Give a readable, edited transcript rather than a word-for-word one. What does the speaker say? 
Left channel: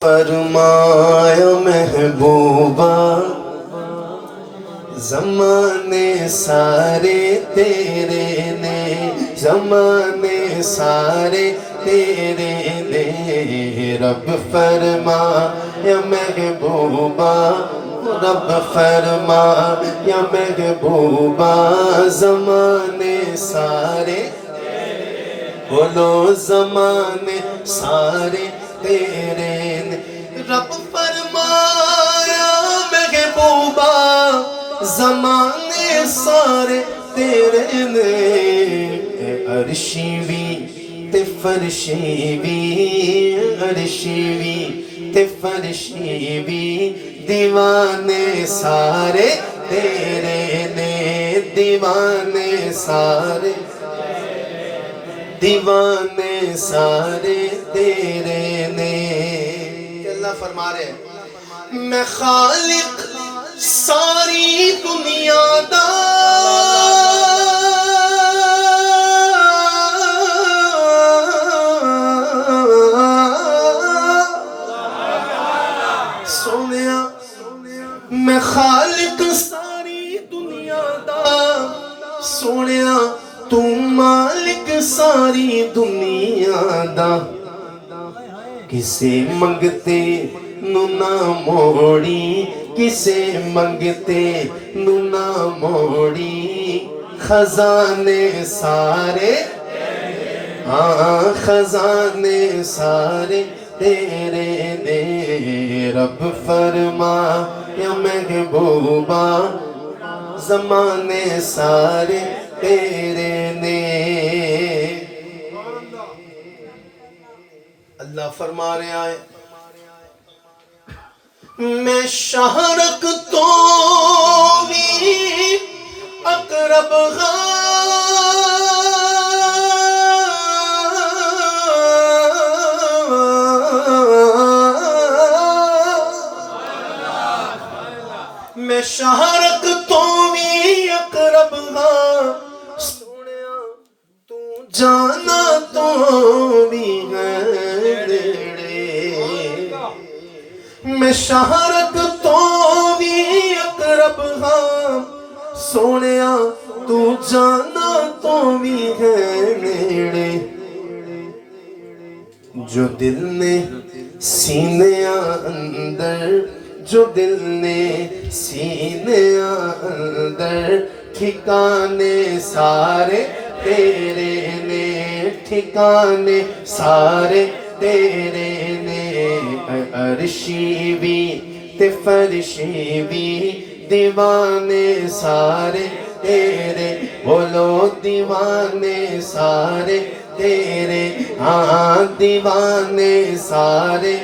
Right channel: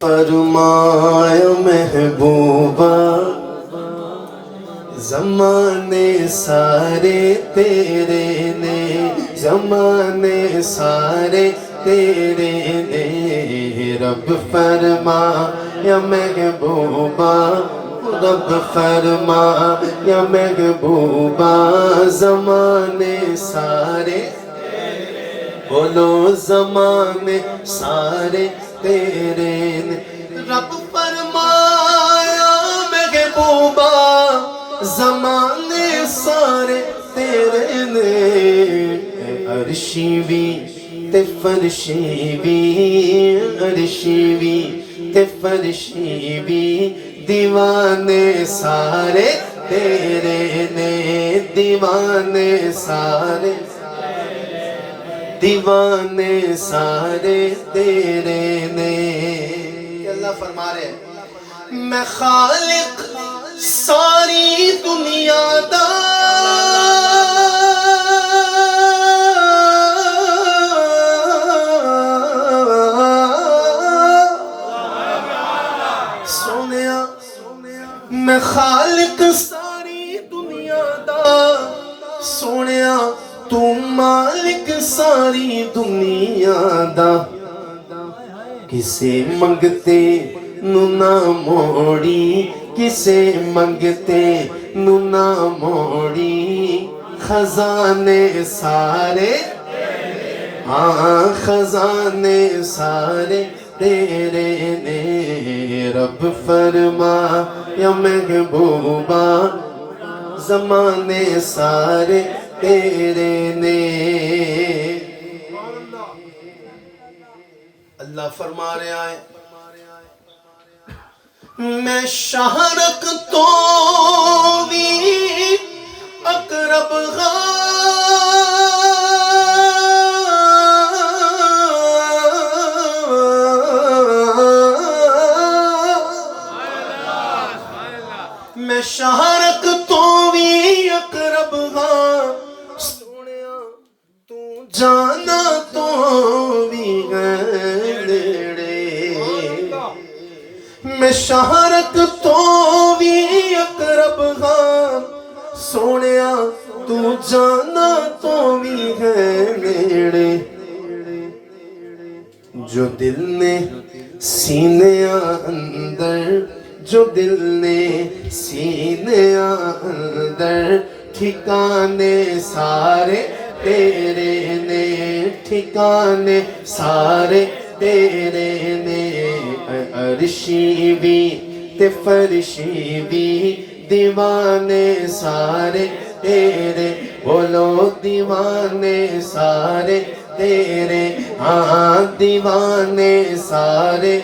فرمایا محبوبہ زمانے سارے تیرے نے، زمانے سارے تیرے نے، رب فرمایا محبوبہ، رب فرمایا محبوبہ زمانے سارے، بولو زمانے سارے تیرے نے، رب فرمایا محبوبہ زمانے سارے تیرے نے، عرشی بھی تے فرشی بھی، عرشی بھی تے فرشی بھی، دیوانے سارے تیرے نے، دیوانے سارے، دیوانے سارے تیرے نے۔ اللہ فرما رہے ہیں میں خالق ساری دنیا دا، سونیا میں خالق ساری دنیا دا، سونیا تو مالک ساری دنیا دا، کسے منگتے نو نہ موڑی، کسے منگتے نو نہ موڑی، خزانے سارے، ہاں خزانے سارے تیرے نے، رب فرمایا محبوبہ زمانے سارے تیرے نے۔ اللہ فرما رہے آئے میں شہرک تو بھی اقرب میں شہرک تو بھی اقرب سونیا تو جانا تو بھی ہے نیڑے، میں شہرک تو بھی اقرب سونیا تو جانا تو بھی ہے نیڑے، جو دل نے سینے اندر، جو دل نے سینے اندر، ٹھکانے سارے تیرے نے، ٹھکانے سارے تیرے نے، عرشی بھی تے فرشی بھی، دیوانے سارے تیرے، بولو دیوانے سارے تیرے، ہاں دیوانے سارے